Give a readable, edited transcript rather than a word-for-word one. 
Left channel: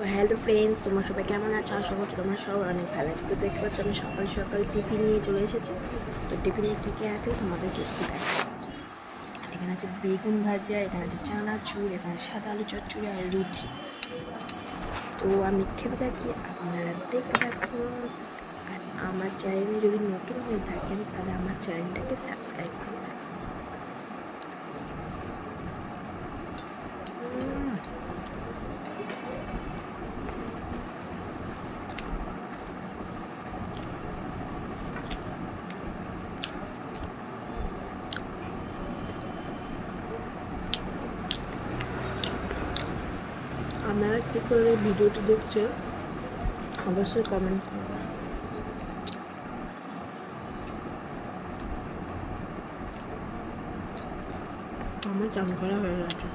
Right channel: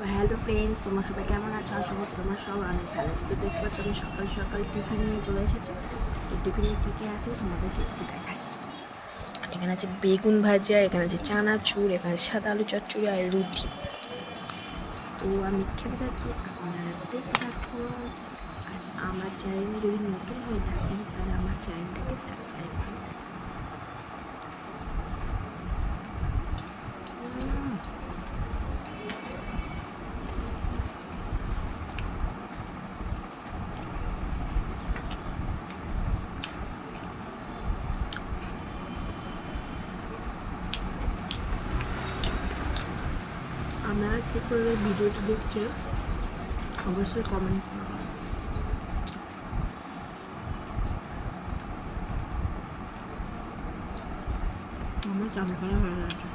তো hello friends, তোমার সবাই কেমন আছো? আশা করছি তোমার সব অনেক ভালো আছে। তো দেখতে পাচ্ছি আমি সকাল সকাল টিফিন নিয়ে চলে এসেছি। তো টিফিনে কী কী আছে তোমাদেরকে একটু দেখাচ্ছি। এখানে আছে বেগুন ভাজা, এখানে আছে চানাচুর, এখানে সাদা আলু চচ্চড়ি আর রুটি। তো আমি খেতে থাকি, আপনারা দেখতে থাকুন। আর আমার চ্যানেল যদি নতুন হয়ে থাকেন তাহলে আমার চ্যানেলটাকে সাবস্ক্রাইব করুন। আপনারা কী করে ভিডিওটি দেখছে অবশ্যই কমেন্ট করবেন। আমার চান করা হয়ে গেছে।